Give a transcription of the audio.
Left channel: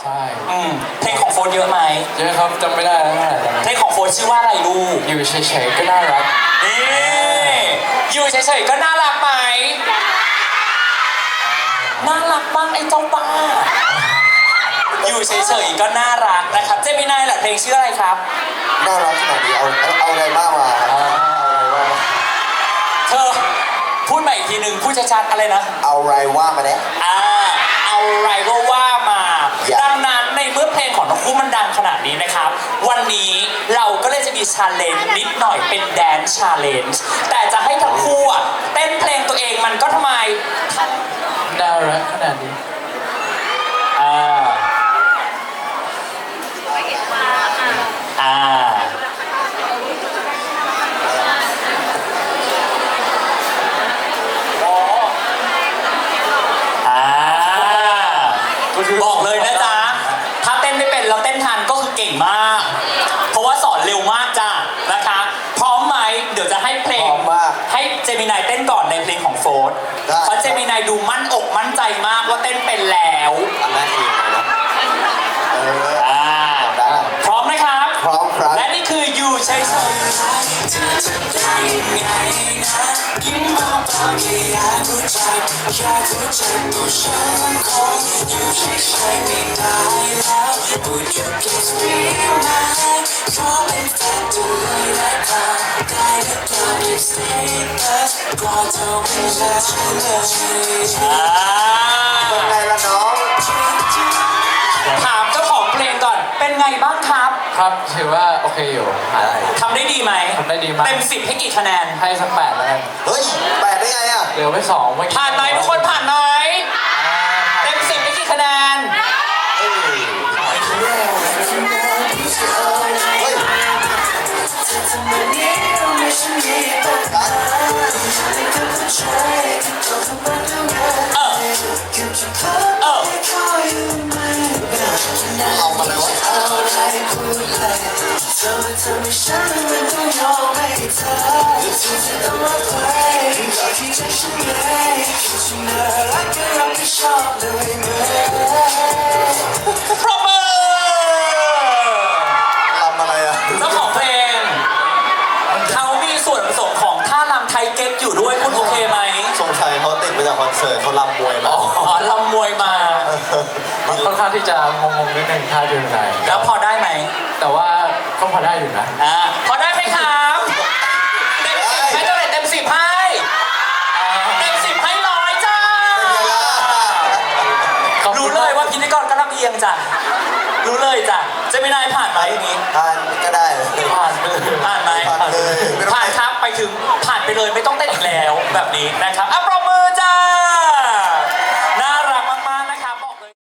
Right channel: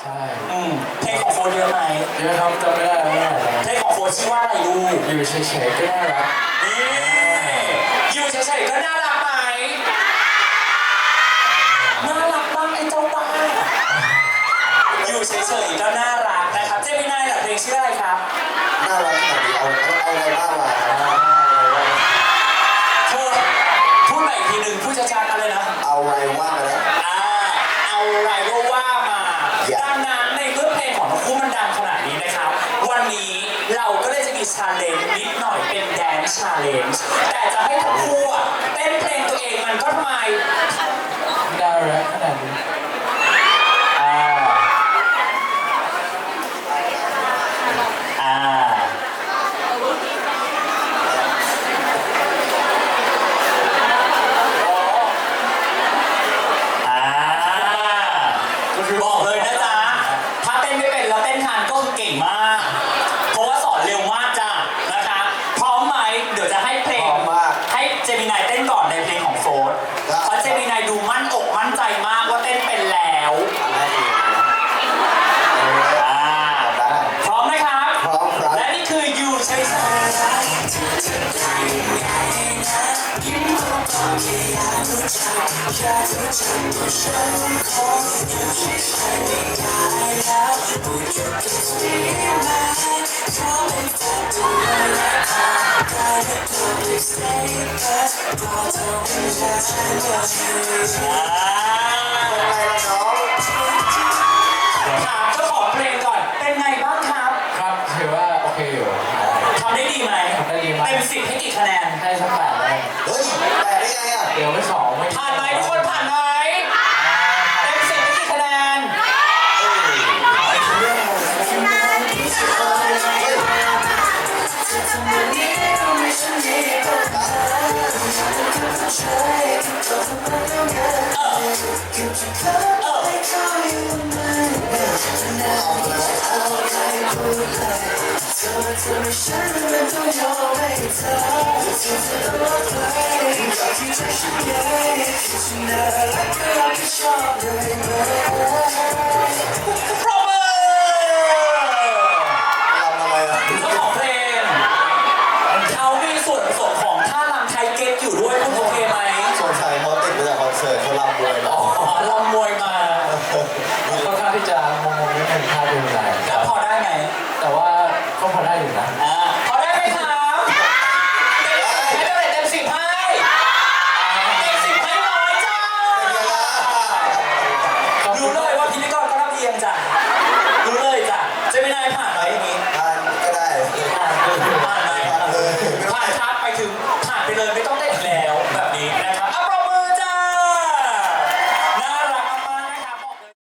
ช่เพลงของโฟนเยอะไหมเยอะครับจำไม่ได้แล้วนะเพลงของโฟนชื่อว่าอะไรลูกอยู่เฉยๆก็น่ารักนี่อยู่เฉยๆก็น่ารักไหมน่ารักบ้างไอ้เจ้าบ้าอยู่เฉยๆก็น่ารักนะครับเจมินายล่ะเพลงชื่ออะไรครับน่ารักขนาดนี้เอาอะไรบ้างมาเธอพูดใหม่อีกทีหนึ่งพูดชัดๆอะไรนะเอาอะไรว่ามาเนี่ยเอาอะไรก็ว่ามาดังนั้นในเมื่อเพลงของทั้งคู่มันดังขนาดนี้นะครับวันนี้เราก็เลยจะมีชาเลนจ์นิดหน่อยเป็นแดนซ์ชาเลนจ์แต่จะให้ทั้งคู่เต้นเพลงตัวเองมันก็ทำไมน่ารักขนาดนี้อ่าบอกเลยนะจ๊ะถ้าเต้นไม่เป็นเราเต้นทันก็คือเก่งมากเพราะว่าสอนเร็วมากจ้ะนะคะพร้อมไหมเดี๋ยวจะให้เพลงให้เจมินายเต้นก่อนในเพลงของโฟร์เพราะเจมินายดูมั่นอกมั่นใจมากว่าเต้นเป็นแล้วพร้อมไหมครับพร้อมครับและนี่คืออยู่ใช้ยิ้มมาตอนที่อยากรู้จักแค่รู้จักตัวฉันคงอยู่เฉยๆไม่ได้แล้ว Would you kiss me tonight ขอเป็นแฟนดูเลยและพาได้หรือเปล่า Keep staying ก็ต้องไม่เลิกฉันเลยเป็นไงล่ะน้องถามเจ้าของเพลงก่อนเป็นไงบ้างครับครับถือว่าโอเคอยู่ทำได้ดีไหมทำได้ดีมากเต็ม10ให้กี่คะแนนให้สัก8เลยเฮ้ย8ได้ไงอ่ะเดี๋ยวไป2 ผ่านไหมทุกคนผ่านไหมเต็ม10ให้กี่คะแนนเอามาแล้วปรบมือทำอะไรอ่ะเจ้าของเพลงเขามีส่วนผสมของท่ารำไทยเก๊กอยู่ด้วยคุณโอเคไหมสงสัยเขาติดมาจากคอนเสิร์ตเขาลำมวยแล้วลำมวยมาค่อนข้างที่จะงงๆนิดนึงท่าดูไหนแล้วพอได้ไหมแต่ว่าก็พอได้อยู่นะพอได้ไหมครับไม่เท่าไหร่เต็ม10ให้เต็ม10ให้ร้อยจ้ารู้เลยว่าพิธีกรก็ลำเอียงจ้ะรู้เลยจ้ะจะไม่ได้ผ่านไหมอันนี้ผ่านก็ได้ผ่านไหมผ่านครับไปถึงผ่านไปเลยไม่ต้องเต้นอีกแล้วแบบนี้นะครับ